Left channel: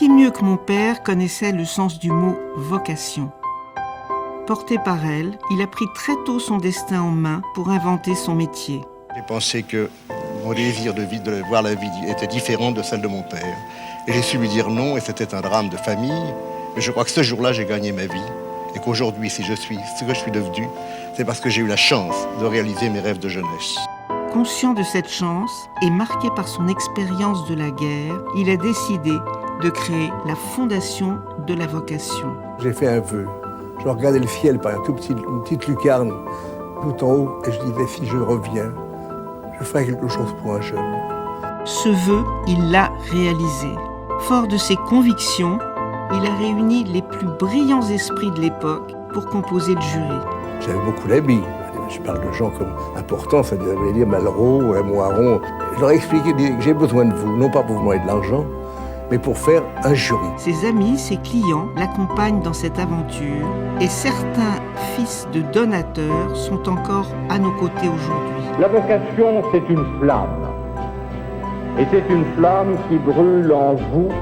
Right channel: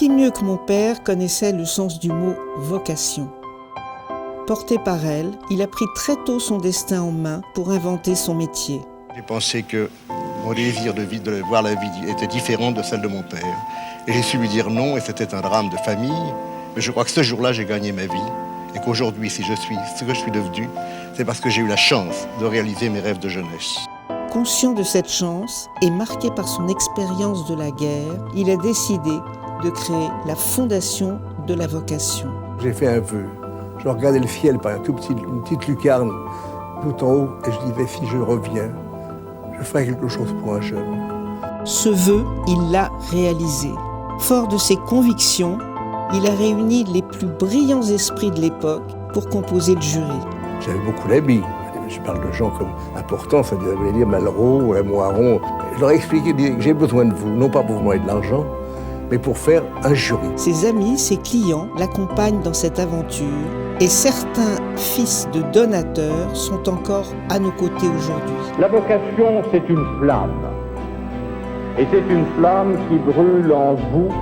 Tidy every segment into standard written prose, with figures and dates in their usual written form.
Qui mieux que mon père connaissait le sens du mot « vocation ». Porté par elle, il a pris très tôt son destin en main pour inventer son métier. J'ai pensé que mon désir de voir la vie était différent de celle de mon père. Et j'ai su lui dire non, et c'était un drame de famille. Mais je crois que ce jour-là, j'ai gagné ma vie. Et qu'aujourd'hui, si je suis ce que je suis devenu, c'est parce que j'ai eu la chance de réaliser mes rêves de jeunesse. Conscient de cette chance et marqué par son expérience de la guerre, il a décidé de créer la fondation de la vocation. J'ai fait un vœu. Je regardais le ciel par une petite lucarne tout en haut et je disais, si je reviens, je ferai quelque chose pour un jeune. Ce vœu, il l'a réalisé. Fort de ses convictions, il a réuni les plus brillants esprits de l'époque pour composer le jury. J'avais beaucoup d'amis. Je parle de gens comme importants, ça veut dire Malraux, Moiron. Je leur ai expliqué que j'ai besoin de vous, non pas pour vous demander de l'argent, mais pour faire un jury. Ses amis, ses clients l'accompagnent dans cette aventure et certains fils de donateurs sont encore à nos côtés aujourd'hui. La vocation, c'est une flamme. Et c'est une flamme qui brûle en vous,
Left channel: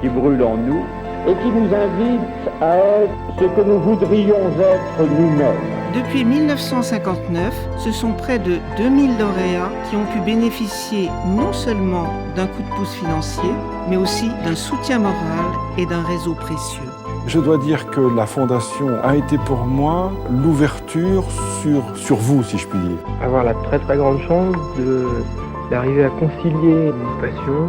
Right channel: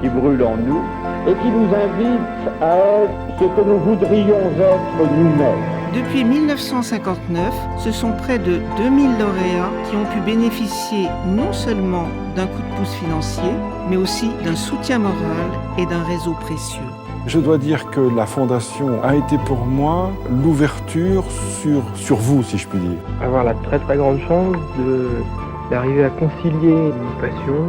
qui brûle en nous, et qui nous invite à être ce que nous voudrions être nous-mêmes. Depuis 1959, ce sont près de 2000 lauréats qui ont pu bénéficier non seulement d'un coup de pouce financier, mais aussi d'un soutien moral et d'un réseau précieux. Je dois dire que la Fondation a été pour moi l'ouverture sur vous, si je puis dire. Avoir la très très grande chance d'arriver à concilier une passion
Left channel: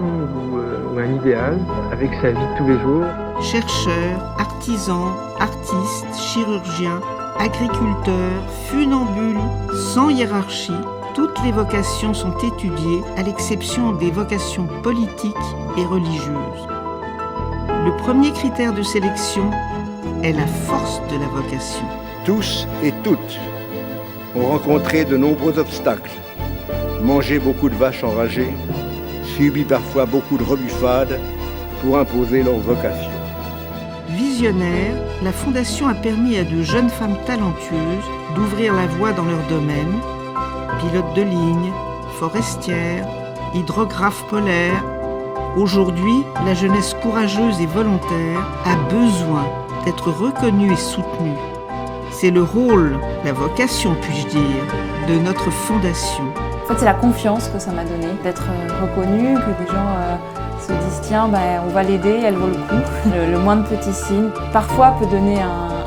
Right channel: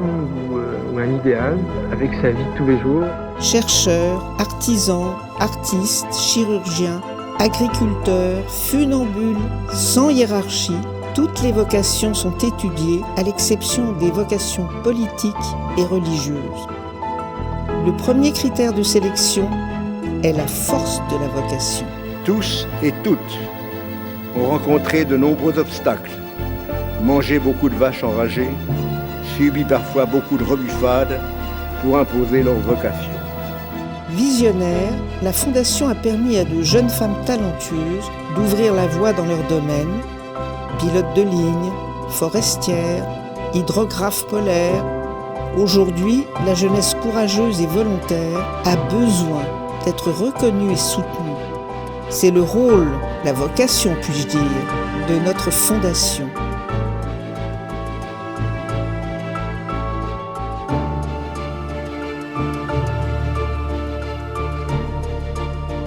ou un idéal avec sa vie de tous les jours. Chercheurs, artisans, artistes, chirurgiens, agriculteurs, funambules, sans hiérarchie, toutes les vocations sont étudiées à l'exception des vocations politiques et religieuses. Le premier critère de sélection est la force de la vocation. Tous et toutes ont rencontré de nombreux obstacles, mangé beaucoup de vaches enragées, subi parfois beaucoup de rebuffades pour imposer leur vocation. Visionnaire, la Fondation a permis à de jeunes femmes talentueuses d'ouvrir la voie dans leur domaine. Pilotes de ligne, forestières, hydrographes polaires. Aujourd'hui, la jeunesse courageuse et volontaire a besoin d'être reconnue et soutenue. C'est le rôle, la vocation puis-je dire, de notre Fondation. En fait, c'est la confiance que ça m'a donné, d'être reconnue, que des gens se disent tiens, on va l'aider, elle vaut le coup. Le moindre petit signe, parfois, peut donner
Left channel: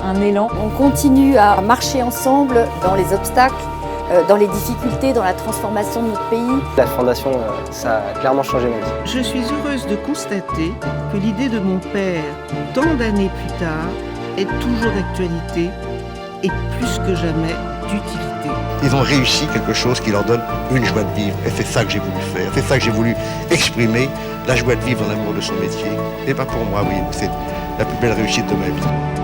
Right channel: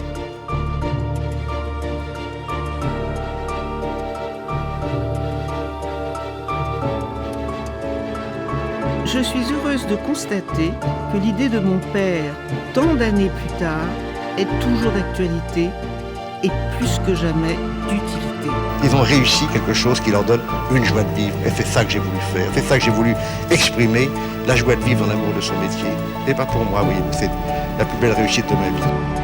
un élan. On continue à marcher ensemble dans les obstacles, dans les difficultés, dans la transformation de notre pays. La Fondation, ça a clairement changé ma vie. Je suis heureuse de constater que l'idée de mon père, tant d'années plus tard, est toujours d'actualité et plus que jamais d'utilité. Ils ont réussi quelque chose qui leur donne une joie de vivre. Et c'est ça que j'ai voulu faire. C'est ça que j'ai voulu exprimer, la joie de vivre dans l'amour de son métier. Et pas pour moi, oui, c'est la plus belle réussite de ma vie.